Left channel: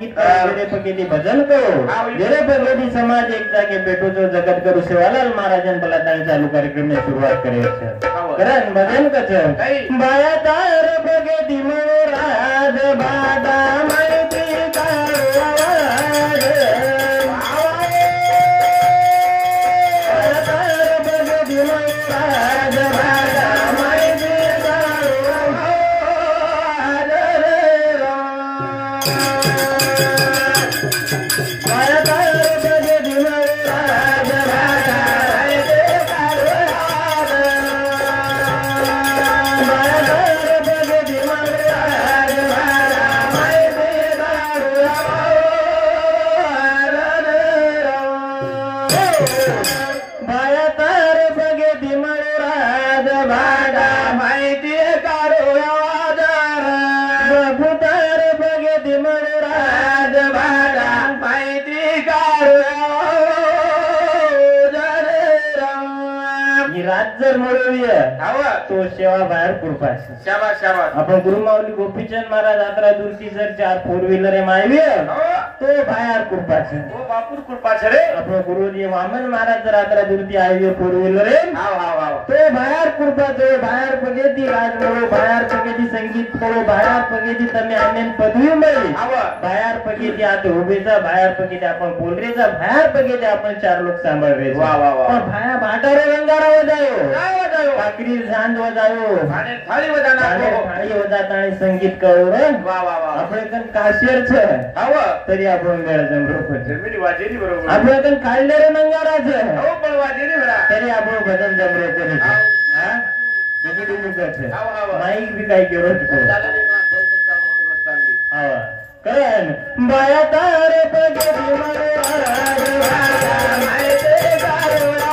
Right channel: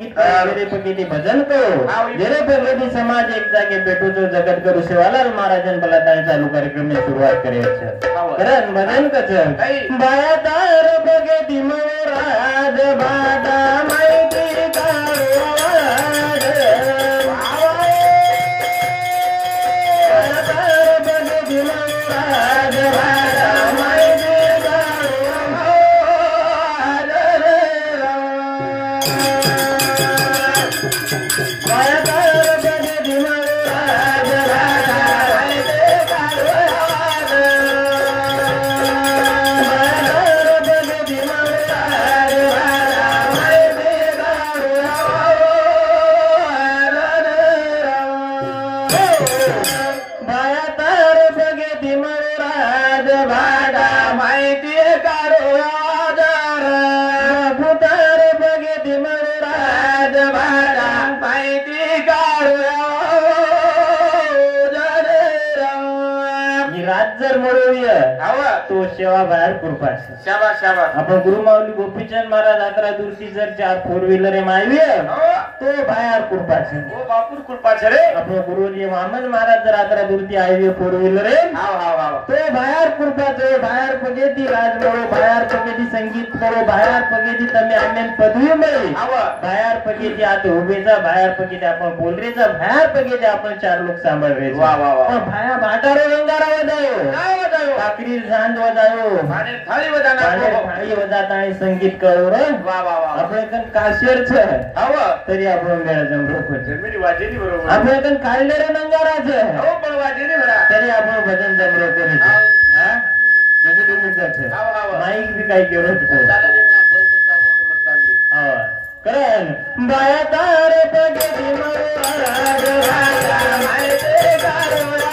मेरे पकेती भजन करो मेरे पगेती समाज एक जागे बेटो तो जगत करू शिवालाल महाराजन पलाटाने चालू कार्यक्रम में शुरुआत करे करण भजन कच बाया तार पकेती मोराज बादा माहिती तो सेवा बाहेर कृपाच शाबाश शाबाश आपण गुरुमाऊली गोपीचंद महाराज यात्रा दूरची जर 4 फोर व्हीलर मायवी तो बाहेर कृपाच ओ बापूर कृपाच रे आपण गुरुजी वामन महाराज जर यात्रा दूरची हायवे फोर व्हीलर तो बाहेर कृपाच बाहेर पगेती राजमळो बाहेर पगेती संगीत करो बाहेर पगेती तमे आम्यान पदवी मिळली बाहेर पगेती आता उभेचा बाहेर पगेती आपण बोलरेचा बाहेर पगेती आपण 4 लोक सांभाळले वा वा वा पण भाया भाटारो रंगारा वदायो काय वदायो काकरी झांज वदायो माने थाळी वदाना थाळी वदात आणि संगीत करू रे वा वा वा आपण कन काशियर छ हाव तरी आपण मेळ जमरो को जमिनी वाजेनी बरोबर आपण कन काढले रे नंगारा छ हो पण वाजेनी बरा तरी आपण भजन जमरो को हां देखो तुम्ही करते माईक भी काही केवत को हां करेन बाया तार पगेती महाराज राजा मायते गारोडा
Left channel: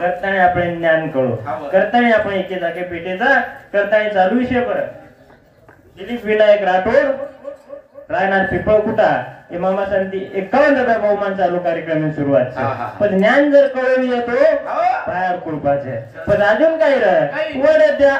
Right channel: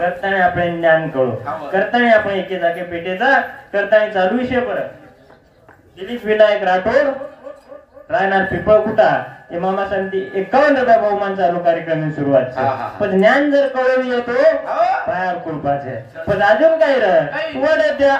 करताना आपण ज्ञान कळू करताना आपण एके जागे पेटेचा करताना चालू विषय परत दिलीप विनायक राठोड रायनाथ पिपळकुटा हे मामा संती 51 बहुमान चालू कार्यक्रम सुरुवात पण ज्ञान जर कळून येतो बाहेर कृपाचे पण अजून काय रे वडद्या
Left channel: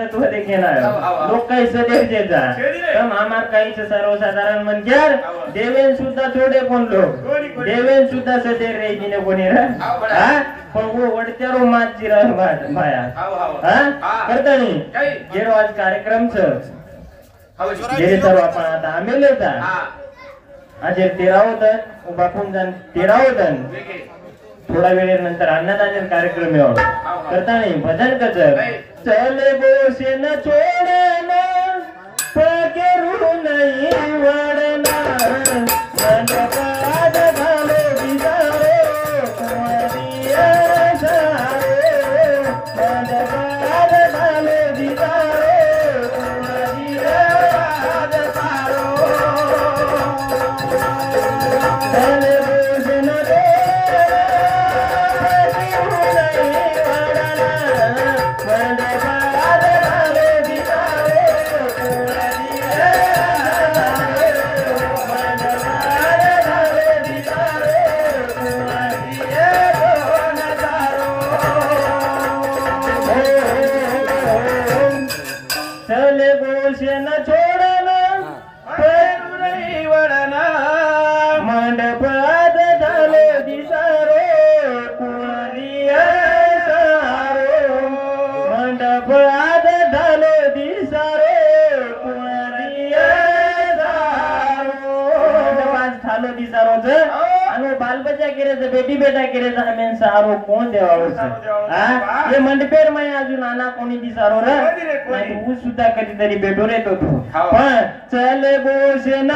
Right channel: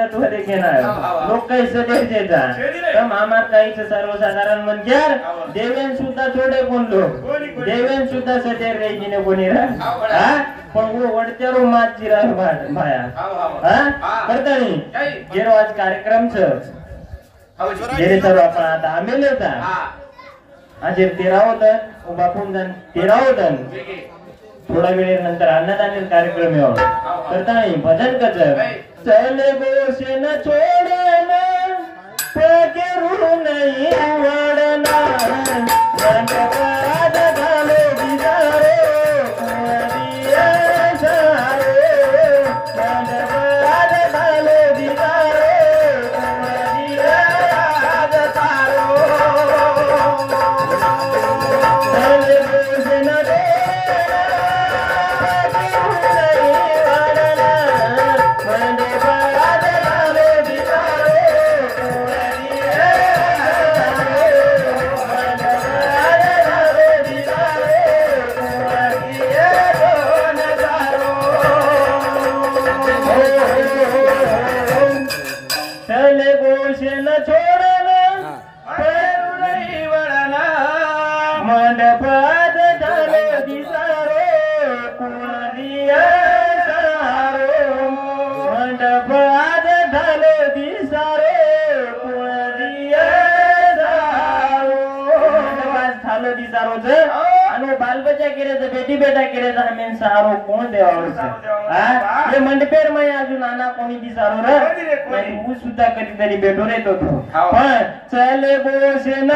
तत्व देखेनार लोक काही सदेव देतात तम आमार काही सर्वसाधारण म्हणच्यार देवेन सुद्धा थोडे कोण लोक देवेन सुद्धा सदेव रेजीने कोणी हा पण वो वडत्यारो मात जिरा भाया हा करता नाही जेरो आज कार्यक्रम छ जेरे सर्व आपण आता आम्ही लेता आज 13 होतं बापून जण 13 होतं थोडा वेळेनंतर अन्नदान कार्यक्रम करता नाही भजन कच चले गोसे न छोडना पगरू नाही वडना रंगपाद घाले दिसारे कुंवरिया सारे रंगपाद घाले दिसारे कुंवरिया सारो चले गोसे न चले गोसे न छोडना पेरू नाही वडना मंडपात झाले दिसारो कुंवरिया सारो मंडपात झाले दिसारो कुंवरिया सारो मंडपात झाले दिसारो जे आणि बालबच्चा केले बेटी बेटा केले हमें सारो कोण देवावर हे मंडपेर मै अजून आना कोणी दिसारो रे तू सुद्धा कधीतरी भेटू रे तो पण चले बोसे न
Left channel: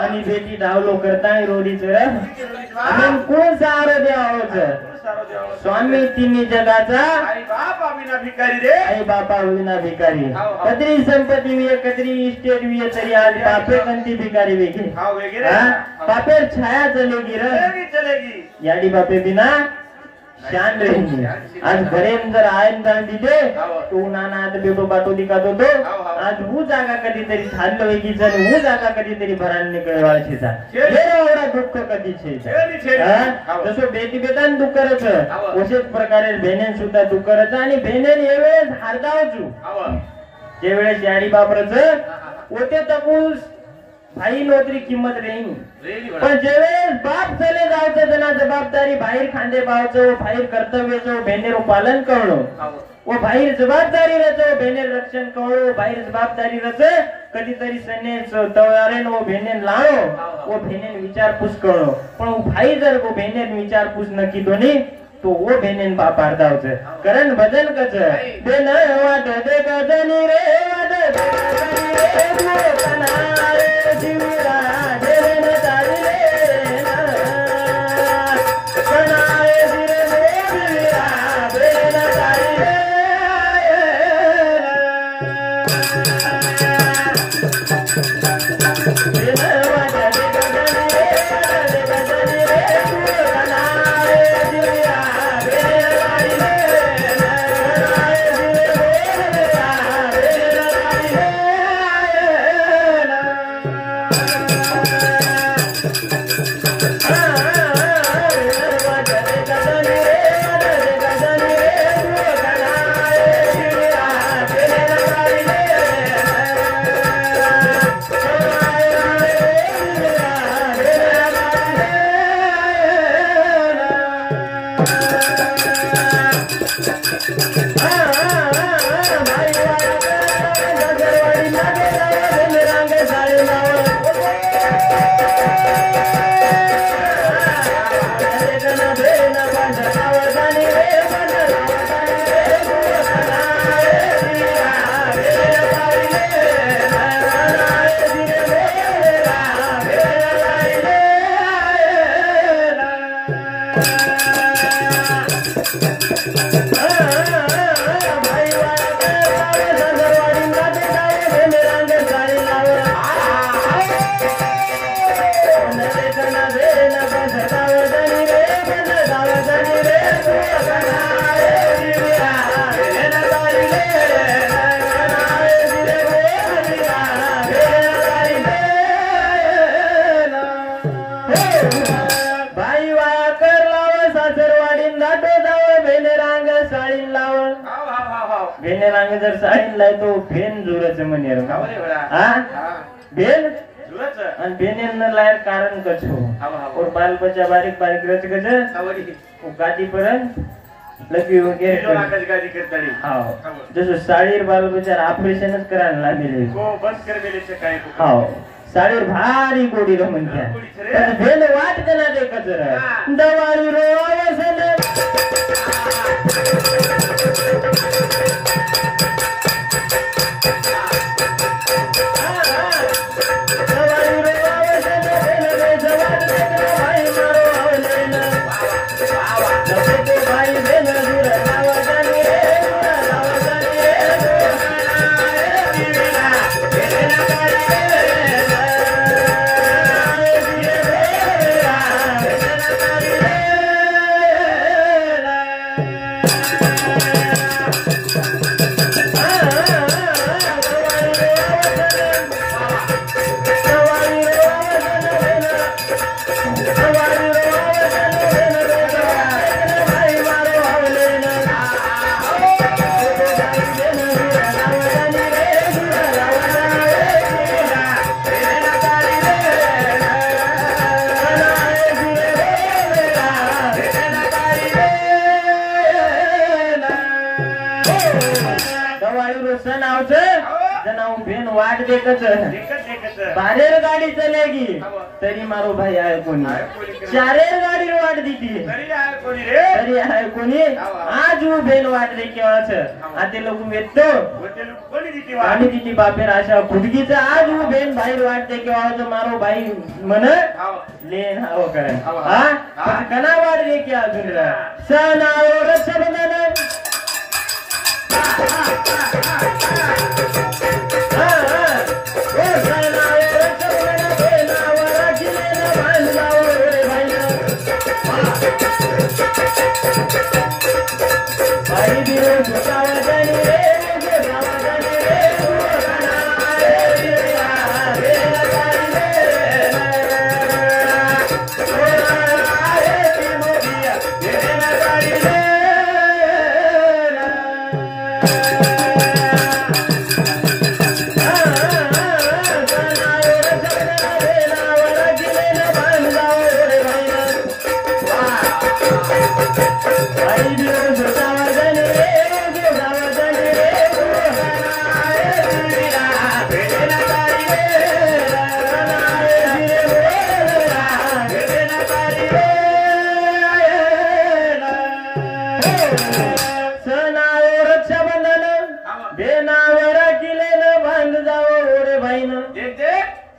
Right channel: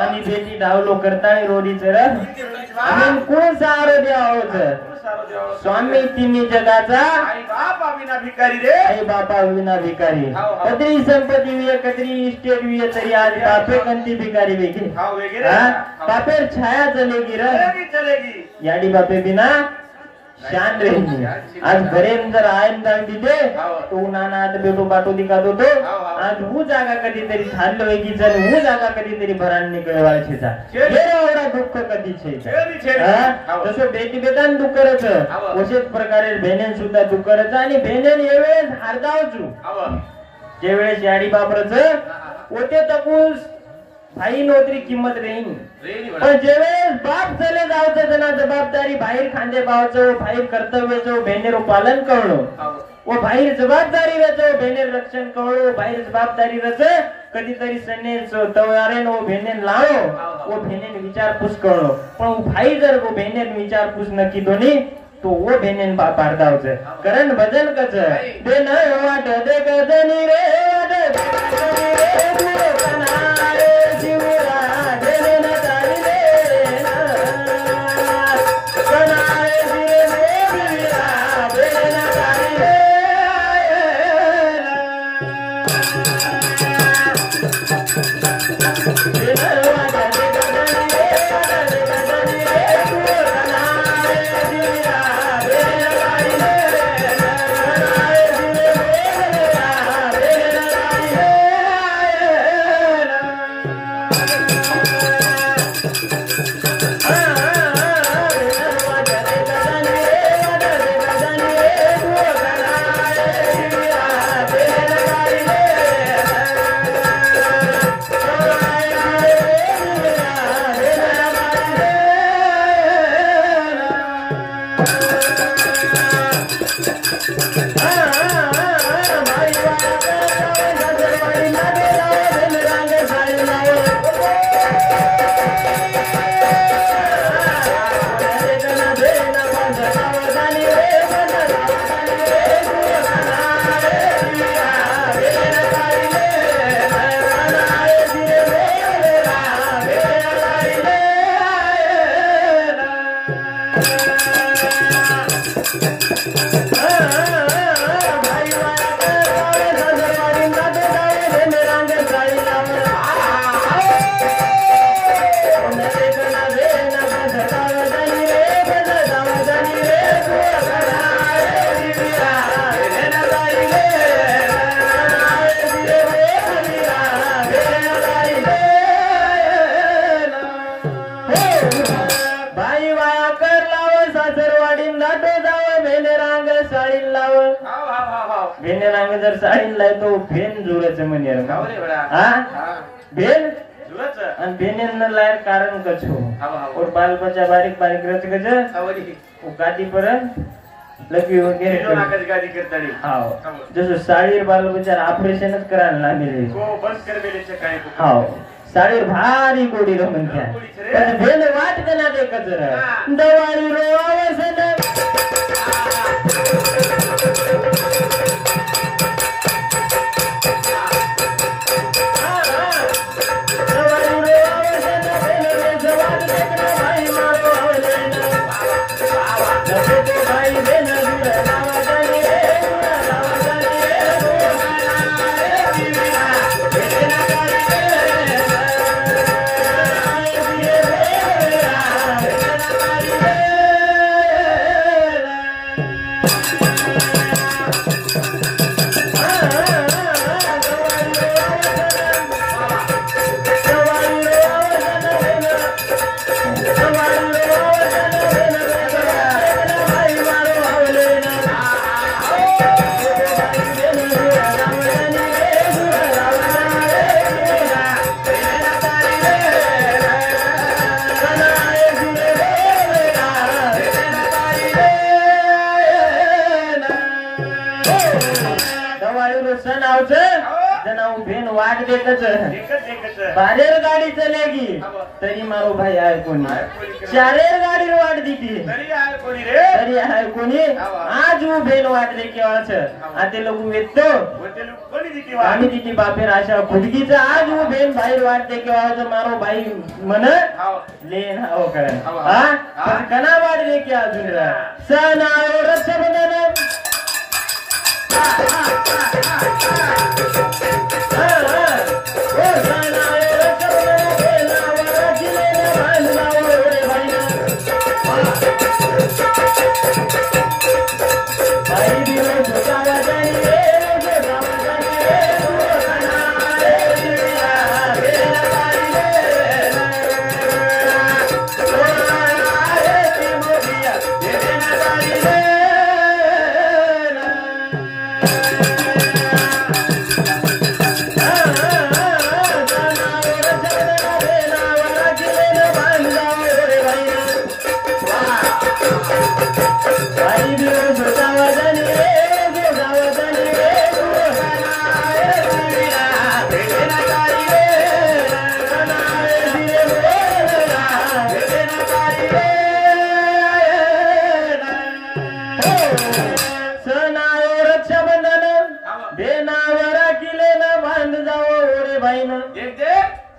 आणि बेटी धावलो करता रोडी कोण सारो द्यावं स्वामी तिन्ही जगाचा आई बापा विना भिकारी रे आई बापा विना भिकारी कदरी संपत्ती विये कदरी इस्टेट विये तरी आज बापे कंती भिकारी वेगे बापेर छाया चलेगी चलेगी याडी बापे बिना शान रहेगी आज घरेन जर आयन जाण दिले तो नाना आता बेटो बाटो दिखातो तो आज वो जागा कधीतरी थाल्लो वेगी जण वो जागा कधीतरी भरान निकळवाळ छेचा ये एवढा दुःख कधी छेचा जसं बेटी बेटान दुःख करच अशाच प्रकारे बहिणेन सुद्धा दुःख करच आणि बहिणेन येवेळेस हारदावचू जे वेळेस याडी बापरच ओते तकूस भाई नोतरी किंमत रेन पण जेवेळेस बाप चले जावचं जना जबाबदारी बाहेर खांदे पावचं बाहेर कर्तव्याचं बहिणेरो पालन करणं वो बाहेर जबाबदारी रचो बहिणेर रक्षण करणं बाहेर जबाबदारी रच कधीतरी सनेच तवारेन वो बहिणेन लावो वो बहिणेन विचारपूस करणं पण वो भाई जर वो बहिणेन विचारपूस नक्की दोन्ही तो वो बहिणेन बाप आरदावचं कारण भजन कच दे न वाट दे कदनी रे वाट दे रे तुरे कनारे जीवरा देवे न तारी रे कनारे जीवे रे जीवरा देवे न तारी रे दे न वाट दे कदनी रे तुरे कनारे जीवरा देवे न तारी रे भेने जर साडीन लाय तो भेन जुराचं म्हणे भेन आणि भेने लायर कारण कछो और बाल बच्चा बारीक बारीक रच कछ गादी पर्यंत लगी वगैरे गादी करताड़ी हाव जसं साडीर बाल बच्चा ऑपरेशनच करायला लागले को बंद कर बेले से काय हाव साडीवर भारी गोडी म्हणत्या पण भेन वाट देना दे कचर दवाळी रोवसन वाट देखच बारेर गाडी चलेगी तरी मारो भाई आहे कोणी चारेर गाडीर वाट दिती तरी आहे कोणी आज उ बेन वाट दे केवाच आते लोक वेतो आम्ही दिती बापेर आशा खुदगीचा आज उ बेन बाहेर वाट दे केवाच मारो भाई मन लेन हाव करन हा पण कना वाट दे के अजून सण आयो रक्षाबंधन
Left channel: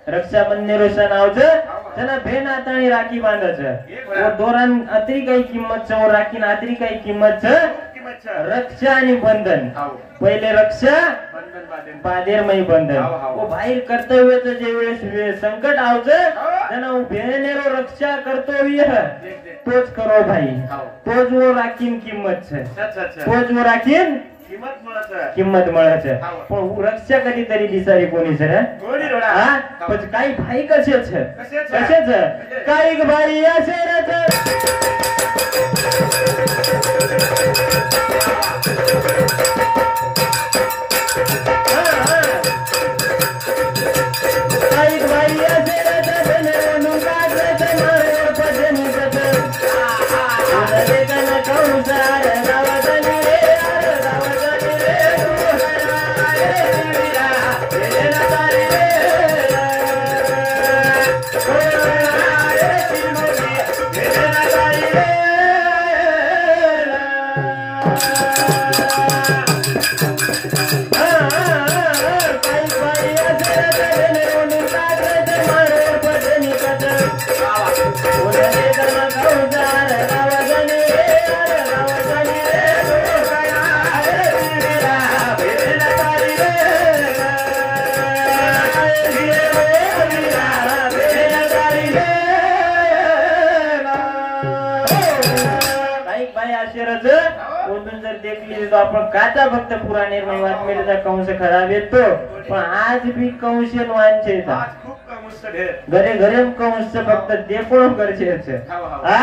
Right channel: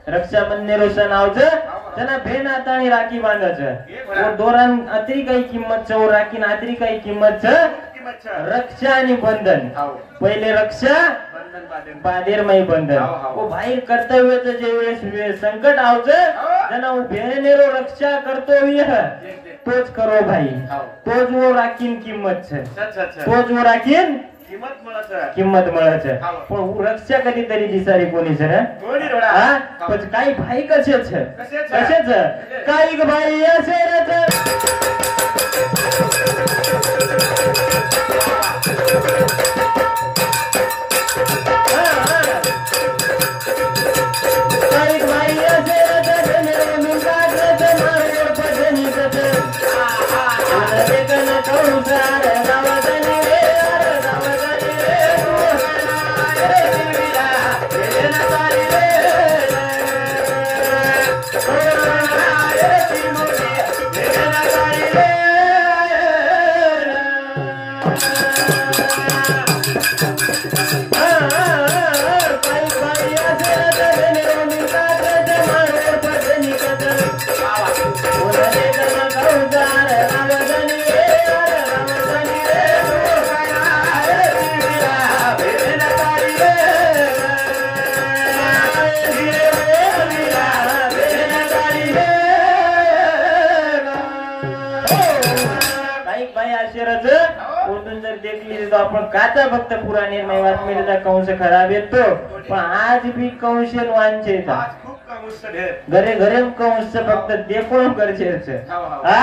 रक्षाबंधन सण आवचं त्याला भेन आता आणि राखी बांधायचं दोरान अत्री काही किंमत राखीन अत्री काही किंमत रक्षा आणि बंधन पहिले रक्षा बादेरमय बंधन वो बाहेर कर्तव्याचं जे वेळेस संकट आवचं त्यांना भेनेरो रक्षा कर्तव्य तोच करो भाई तोच वो राखीन किंमत तोच वो राखीन किंमत मिळत पण रक्षा कधीतरी दिसारी कोणी सर पण काही भाई कसेच काही भाई असेल Thank you. जर देखील तो आपण काचा फक्त पुराणे वाचमेचा कंस खराब येतो पण आज भी कंशन वांचे घरे घरे कंस फक्त देखोळ गरजेचं हा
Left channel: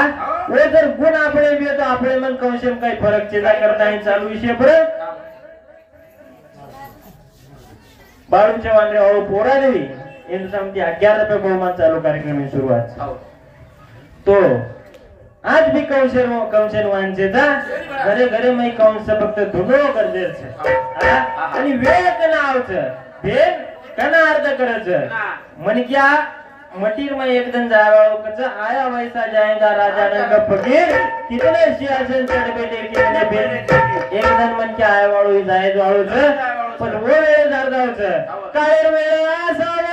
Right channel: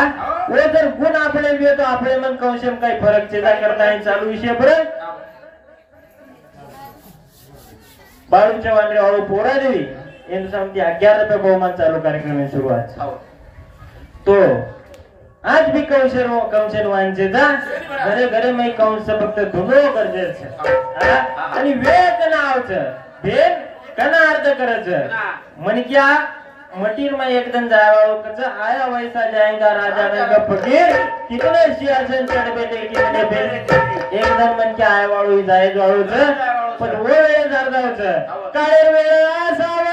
वो जर गुण आपले येतो आपले मन कंशन काही फरक चेता करता चालू विषय परत बाळूच्या वांद्रे हळू पोरा देवी यांचं सांगते 11 रुपये बहुमान चालू कार्यक्रम सुरुवात तो आज भी कंशन वांचे जा घरे घरे मै कंस फक्त धुनो गरजेचं आणि वेळ कनावचं भेन कना अर्थ करायचं म्हण क्या मटीर में एकदम जावाओ कच आया वैसा जाएगा राजा रंग फकीर कितने सिंहासन चढ़ बैठे कितने बेर एकदम मन क्या आया वाळू जाय वाळूच पण वो वेळ जारदावच काळे वेळ असावं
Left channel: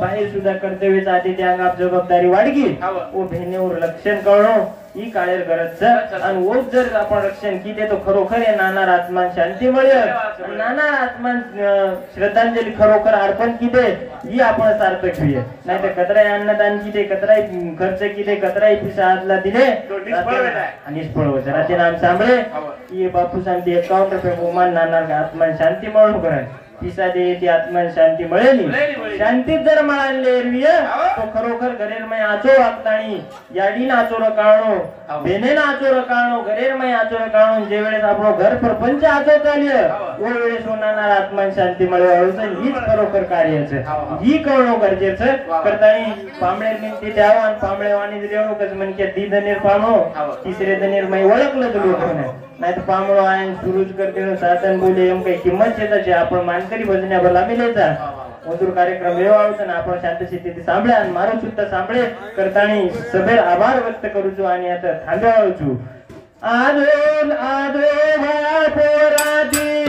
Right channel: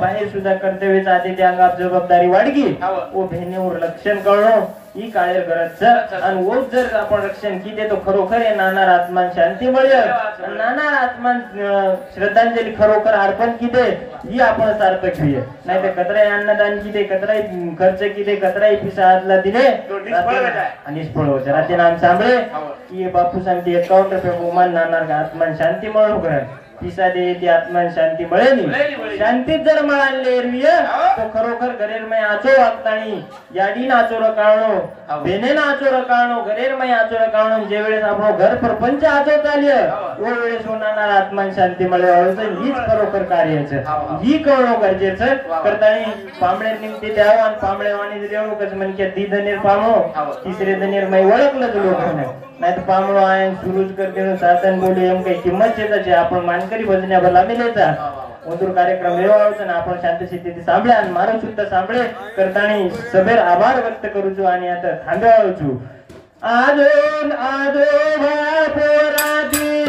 बाहेर सुद्धा कर्तव्य आधी त्या अंगात जबाबदारी वाढगी ओ भेनेवर लक्षण कळणं ही काळेर गरज आणि वो जर आपण रक्षण किती तो खरोखर आहे नाना आत्मान शांती मिळेल नाना आत्मान श्रद्धांजली खरोखर अर्पण किती ही आपण सार्थक होईल नाही तर कतराई अन्नदान किती कतराई खर्च किती कतराई पिसाला दिले आणि निष्फळ होते रात्री नाम सांभळे की बापू सांगते 51 रुपये बहुमान नाना आत्मान शांती मिळवू करा पिसा दे ती आत्मान शांती मिळेल शांतीत जर मिळाले तो खरोखर घरेर मै आचो वागतानी याडी नाचो रकाळणो बेने नाचो रकाळणो घरेर मै आचो रकाळणो जे वेळेस आपण घर प्रपंच आचो चालय ओ वेळेस होणार आत्मान शांती मिळवायचं हीच खरोखर कार्याचं ही कळणं गरजेचं करतानी पांबळे निघते द्यावं आणि पांबळे वाणी रेवणूकच म्हणजे दी धनेर पामो तिसरे धनेर मै ओळखलं लोकांना नाही तर पामळो आहे सुरूच करते साधन बोले एम काही किंमत शेताची आपण मानकरी भजण्यावर लाभलेचा मधुर कार्यक्रम वेवाळतो ना आपण शांत स्थिती सांभळे आणि मारून सुद्धा सांभळे करतानी सभेर आभार व्यक्त करूचो आणि आता थांबवायचो आदो आदो पोरादी